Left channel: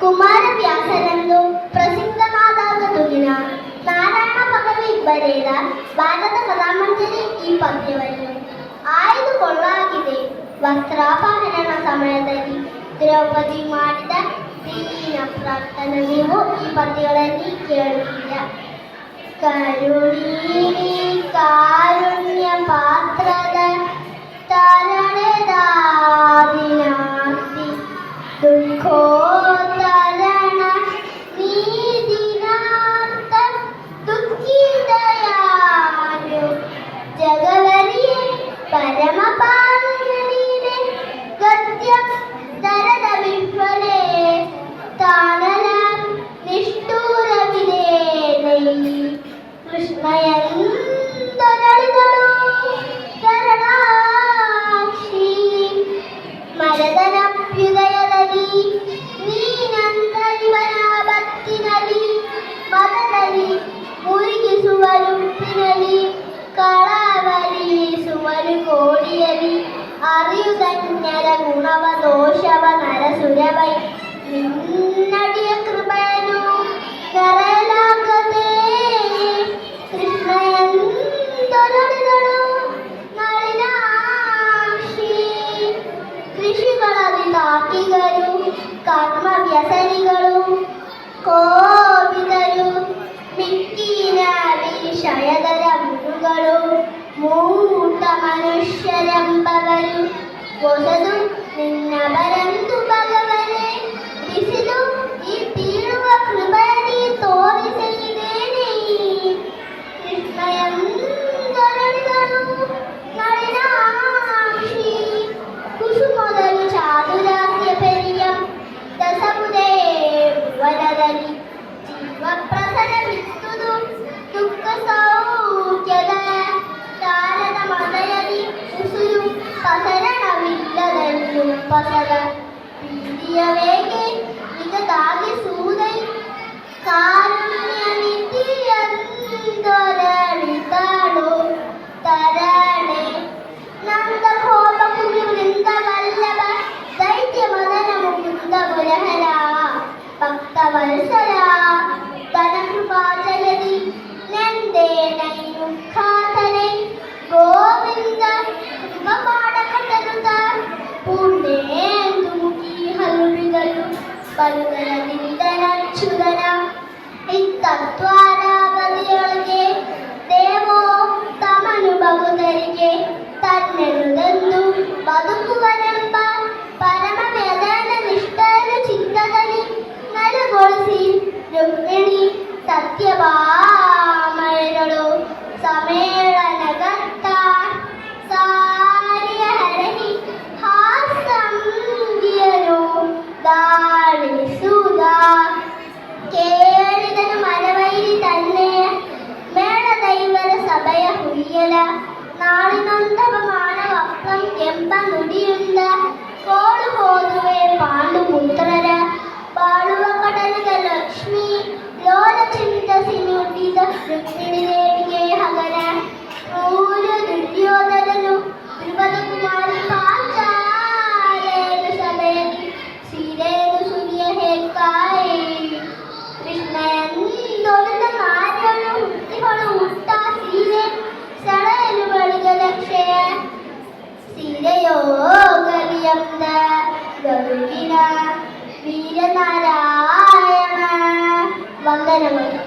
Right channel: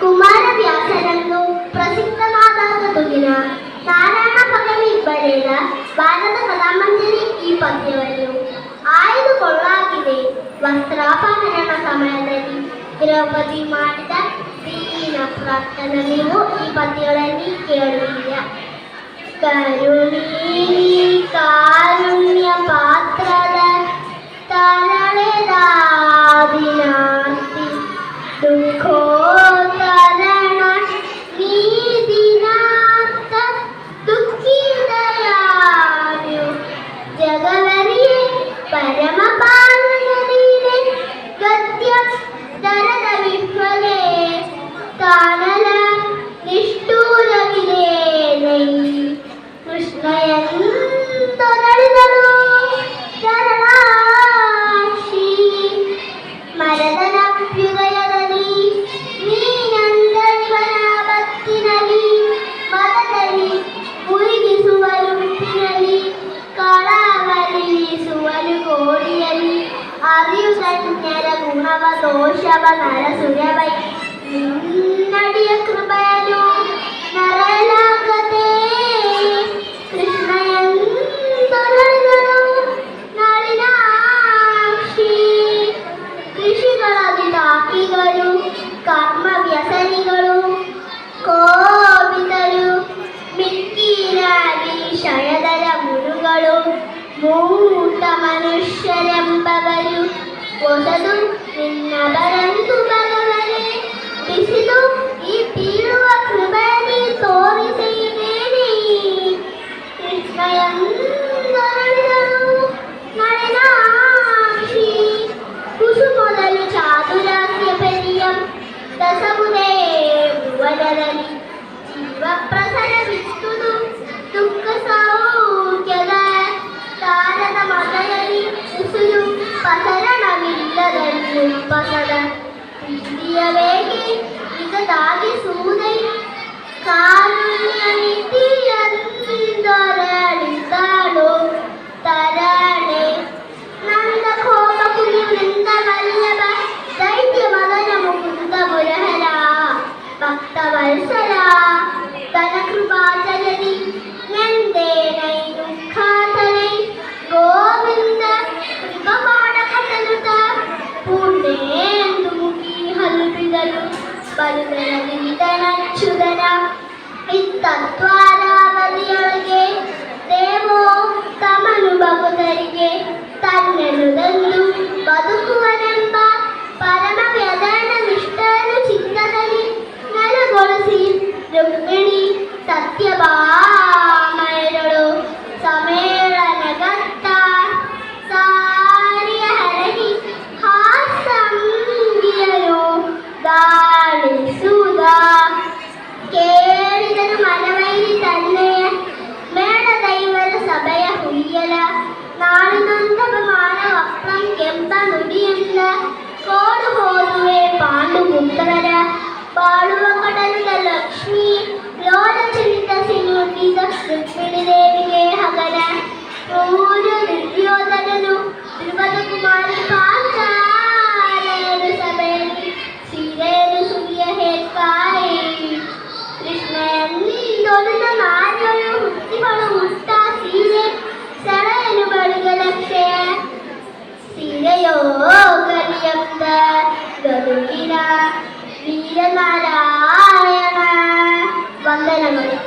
ಕುಮಾರವ್ಯಾಸರನ್ನು ಪ್ರಸಿದ್ಧವಾದ ತುಗಿನ ನಾರಾಯಣ ಪದವಿ ಬರೆದ ಭಾರತ ಕಲಾಮಂಜರಿ ಈ ಪದ್ಯವನ್ನು ಆಯ್ದುಕೊಳ್ಳಲಾಗಿದೆ. ವಸ್ತ್ರಾಪಹರಣ ಸಮಯದಲ್ಲಿ ದ್ರೌಪದಿ ಮಾಡಿದ ದೀನ ಪ್ರಾರ್ಥನೆ ನೀವು ಈ ಪದ್ಯಗಳಲ್ಲಿ ಕೇಳುತ್ತೀರ. ಕಾರುಣ್ಯ ಪಾತ್ರದ ತರಳೆದಾದಿನಾಸ್ತಿ ದುಃಖೋತ್ತರಣ ನೀದಿನಾಥ ದುಃಖಿದಯಾರ್ಯು ಜಗವರಿಯೇ ಪರಮ ಪಾಲನೀನೆ ಗದ್ಯ ದರದ ವಿಶ್ವಲೇ ತಾನಲ ನಿಷ್ಠೂರವಿದೆ ನೈ ಕೃಷ್ಣಯಂತರಳಿದಳು ಶರಣಾಕ್ಷಿ ಮರದನಭ್ಯುದಯದಲ್ಲಿ ನೀನಂದರಿವನ ಬತ್ತಿನಲ್ಲಿ ಮದದಲ್ಲಿ ಮುರುಗಿಸುವರು ಉಪ್ಪಿನಲ್ಲಿ ಕಳವಳಿಸುವರು ಕೋಡಿಯಲ್ಲಿ ಅರಿಯುಧನ್ಯರ ಗುಣವ ದೋಷವ ನರಸುರವೈ ನಡಿಯ ಕೃಪೆಯನ್ನು ನರಳಾಗದೆ ಕೃಷ್ಣಯಂತರಳಿದಳು ನಳಿನಾಕ್ಷಿ. ಋಷಿಗಳಲ್ಲಿ ತಾಕಿಗಳು ಕರ್ಮ ವ್ಯಸನಿಗಳು ಕೋಪಿತರು ಮಿಕ್ಕಿನ ವಿಷಯದರ ಮುರುಗಳು ಮೂಟ ಮನುಷ್ಯರೆಂಬವರು ಒಸದು ನಿನ್ನ ಬರಂತು ಭಗವನೇ ಬಿಸಿಲು ಈ ಬೀಳುವ ಕೃಪೆಯಲ್ಲಿ ತೋರಿಸಿದ್ದೇನೆ. ಕೃಷ್ಣಯಂತರಳಿದಳು ನಳಿನಾಕ್ಷಿ ಕುಸುಮದಲ್ಲಿ ಚಾದುರಾಸ್ಯ ಪೆರಿಯಂ ದಸಮುದೇ ವರದಲ್ಲಿ ಜೀವ ಪ್ರಸರವಿತ್ತುದು ದುಃಖ ಸೌಖ್ಯದ ಕಾಲದ ಮದಯಲ್ಲಿ ಉಸುರು ಪಸರಣವಿಲ್ಲದಲ್ಲಿ ಪಸದ ಪ್ರೀತಿಯವೇಗೆ ನಿಗದಾಗಿಸುವುದೈ ಕಾರುಣ್ಯ ನಿಧಿಯಂದೊರಳಿತಾಳು ತರಣೆ ನಂದ ಕೋಪ ಕುಮಿವೃಂದ ವಲ್ಲಭ ದೈತ್ಯ ಮದನ ಮುಕುಂದ ಮುರಹರ ಭಕ್ತ ವತ್ಸಲ ತನ ಕೃಪಾಚಲದಿ ನೆಂದೇ ನೈ ದುಃಖಾತನೈ ಗೋವಿಂದ ಕೃಪಮಾಡಕತನುತ ಪುಣ್ಯೇಂದು ಮುಖಿ ಹಲುಬಿದರು ಬರುದನ ನಿಮಿತನಚ್ಚುದನ ಇತ್ತತ್ವಾರಾವಧಿಯೊಳಗೆ ದೇವೋ ತಮನು ಭಕ್ತರಿಗೆ ತನ್ನೆನುದಂದು ಬದುಕುವನೆಂಬ ಪರಮ ವ್ಯದನ ನಿಷ್ಠೆಯನ್ನು ಚಿತ್ತದಲ್ಲಿ ನೆಲೆಗೊಳಿಸಿ ರುಕ್ಮಿಣಿ ಸತ್ಯಭಾಮೆಯರು ಸಮ್ಮೇಳನಗತ್ತ ಸಾರಿಯ ಹರಹಿ ಹಾಸಂಗಿಯನು ದಾಳಿಸುವುದ ಕೇಳಿದನು ಮನವೈರಿ ತನ್ನೆಯ ಮೇಳದೈವರ ಸಭೆಯ ಹುಯ್ಯಲ ನಾಳಿನೊಂದವ ಮಾನವ ಅಪ್ರಂ ಕೆಂಪ ನುಡಿಯುಳ್ಳ ಕೋಳು ಹೋದುವೆ ಪಾಂಡು ಪುತ್ರರ ಬಾಳುವ ಕಡಲದ ಲಕ್ಷ್ಮಿ ಲೋಲ ಚಿಂತಿಸಿ ನುಡಿದ ರುಕ್ಮಿಣಿ ದೇವಿಗೆ ಹಗರ ಕ್ರೂರ ದುರ್ಯೋಧನನು ಧ್ರುವದ ಕುಮಾರಿ ಪಾಂಚಾಲೆಯರು ಸಭೆಯಲ್ಲಿ ಸೀರೆಯನ್ನು ಸುಗಿಯ ಹೇಳ್ಕಾಯಿ ಕೃಷ್ಣಯಂದೊಲಿದ ನಾರ್ಯಳು ಹುಟ್ಟಿಗಳು ಹುಟ್ಟ ಸೀರೆ ಸೆಳೆಯಲು ಬಳಿಗೆ ಲಕ್ಷ್ಯ ಸೀರೆಯೋ ಗಲಿಯಂದ ಗರುಗಿನ ವೀರನಾರಾಯಣ ವಂದನಗಳು.